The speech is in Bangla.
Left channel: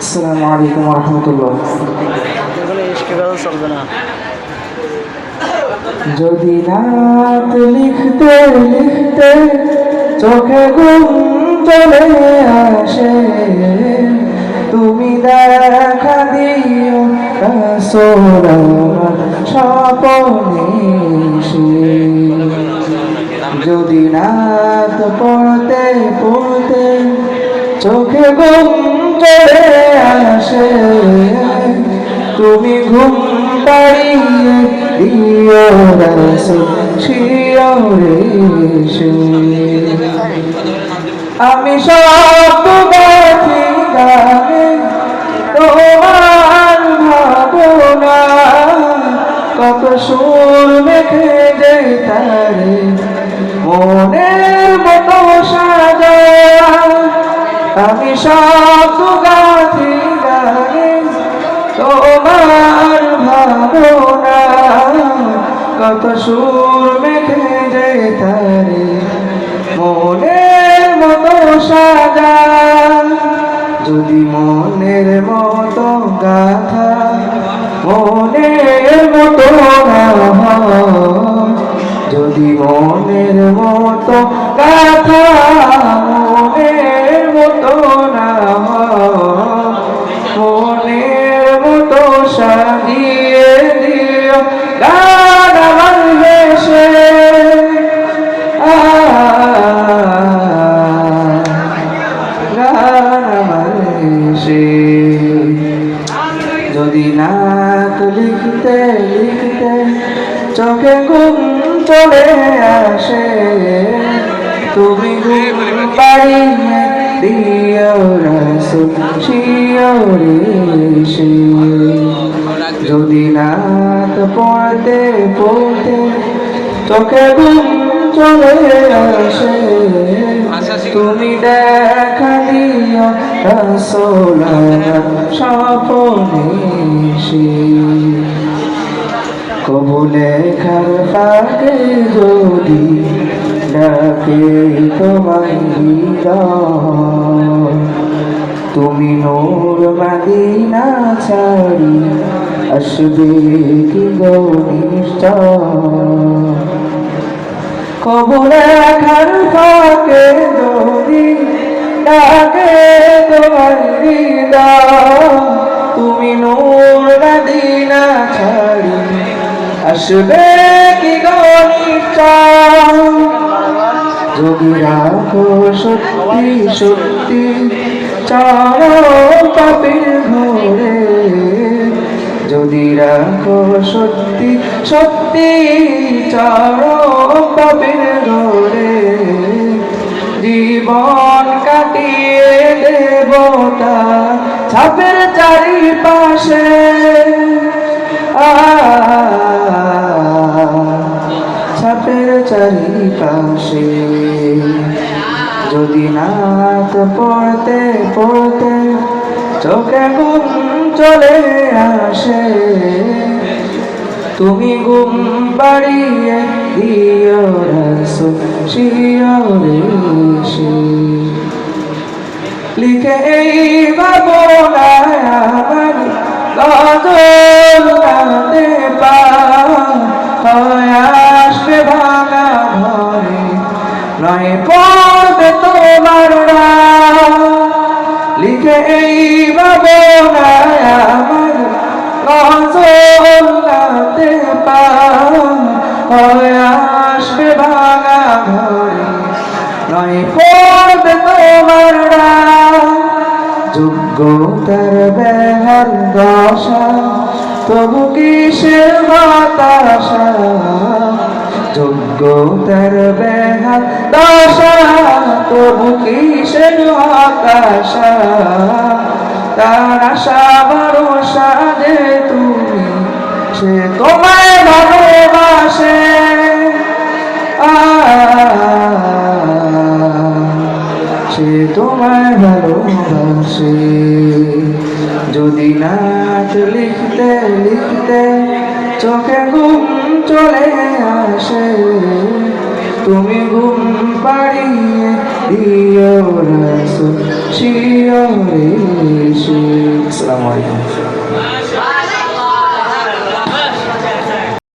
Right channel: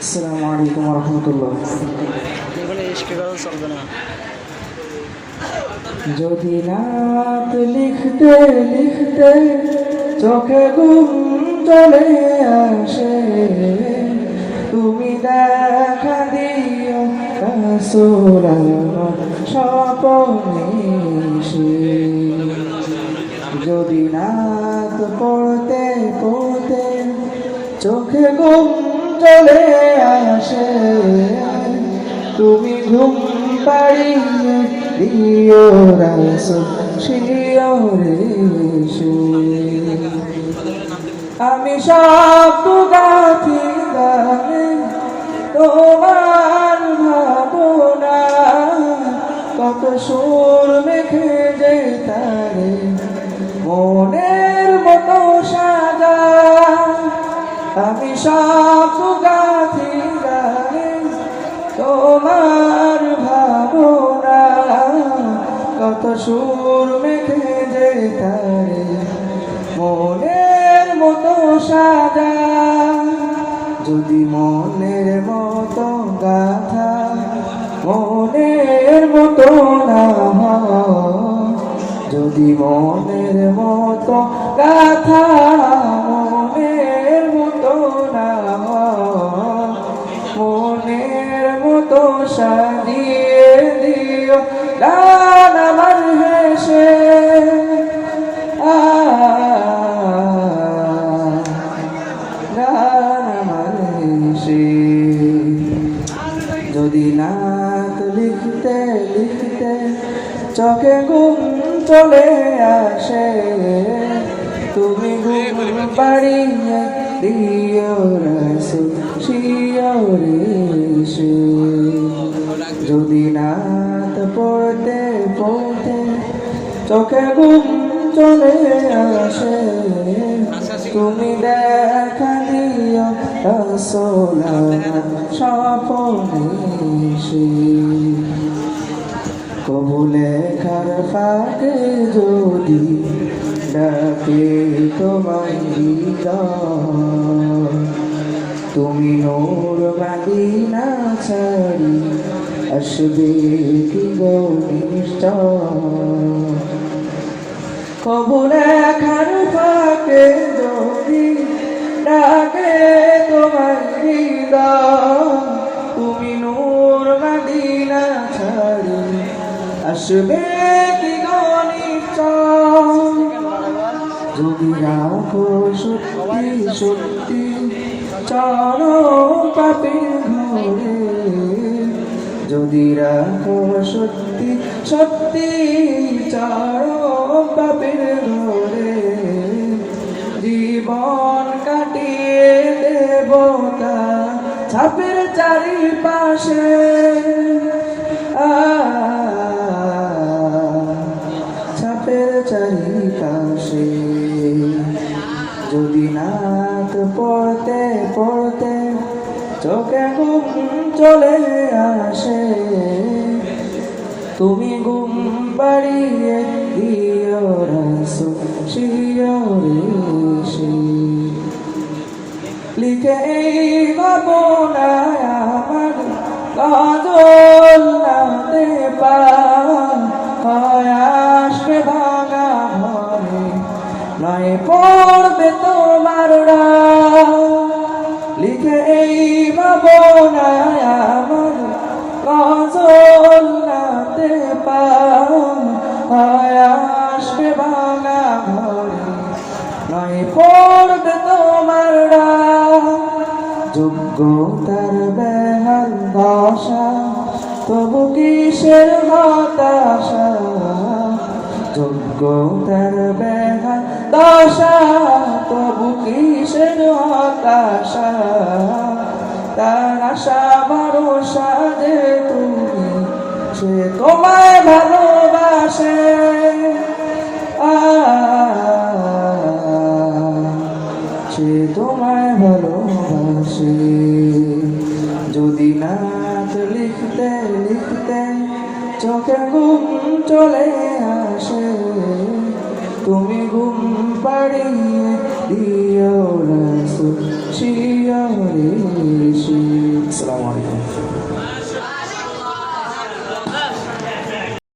আসসালামু আলাইকুম ওয়া রাহমাতুল্লাহ। যদি নাত লিখতে লিখতে চোখে ঘুম চলে আসে, তুমি দেখা দিও রাসূল আমার স্বপ্নে এসে। যদি নাত পড়তে পড়তে চোখে ঘুম চলে আসে, তুমি ঘুম পাড়িয়ে দিও রাসূল শিয়রে এসে। আমি সব গাথি গানে তোমার ভাবনা, কত সুর মেখে যে তারে মনের মতো সাজা। আমি সব গাথি গানে তোমার ভাবনা, কত সুর মেখে যে তারে মনের মতো সাজা। যদি মনের মতো গাথা মনের মতো না হয়, যদি মনের মতো গাথা মনের মতো না হয়, মনের মতো সাজিয়ে দিও গান আমার দেশে। গান আমার দেশে। যদি নাত লিখতে লিখতে চোখে ঘুম চলে আসে, তুমি ঘুম পাড়িয়ে দিও রাসূল শিয়রে এসে। যদি নাত পড়তে পড়তে চোখে ঘুম চলে আসে, তুমি দেখা দিও রাসূল আমার স্বপ্নে এসে। কবু লেখার ফাঁকে যদি ডাকে তোমায় হৃদয়, তুমি নূর মদিনা ছাড়ি আসবে কি গো নিশ্চয়। কবু লেখার ফাঁকে যদি ডাকে তোমায় হৃদয়, তুমি নূর মদিনা ছাড়ি আসবে কি গো নিশ্চয়। যদি রাখো সত্যি সত্যি চরণ পাপীর ঘরে, যদি রাখো সত্যি সত্যি চরণ পাপীর ঘরে, জীবন কাটিয়ে দেবতা ছাপের চারিপাশে। ছাপের চারিপাশে। যদি নাত পড়তে পড়তে চোখে ঘুম চলে আসে, তুমি ঘুম পাড়িয়ে দিও রাসূল শিয়রে এসে। লিখে এই ভাবনায় আমার গজল গাতে হয় আসবে ভাঙা ঘরে, নয় পড়বে তোমার নাম। লিখে এই ভাবনায় আমার গজল গাতে হয় আসবে ভাঙা ঘরে, নয় পড়বে তোমার নাম। যোগ্যতার বেহাল দশা তবু কিসের হতাশা, যোগ্যতার বেহাল দশা তবু কিসের হতাশা। তার আশা ভরসা যে তুমি, সে তোমায় ভালোবাসে। সে তোমায় ভালোবাসে। যদি নাত লিখতে লিখতে চোখে ঘুম চলে আসে, তুমি ঘুম পাড়িয়ে দিও রাসূল শিয়রে এসে। আলাইকুম।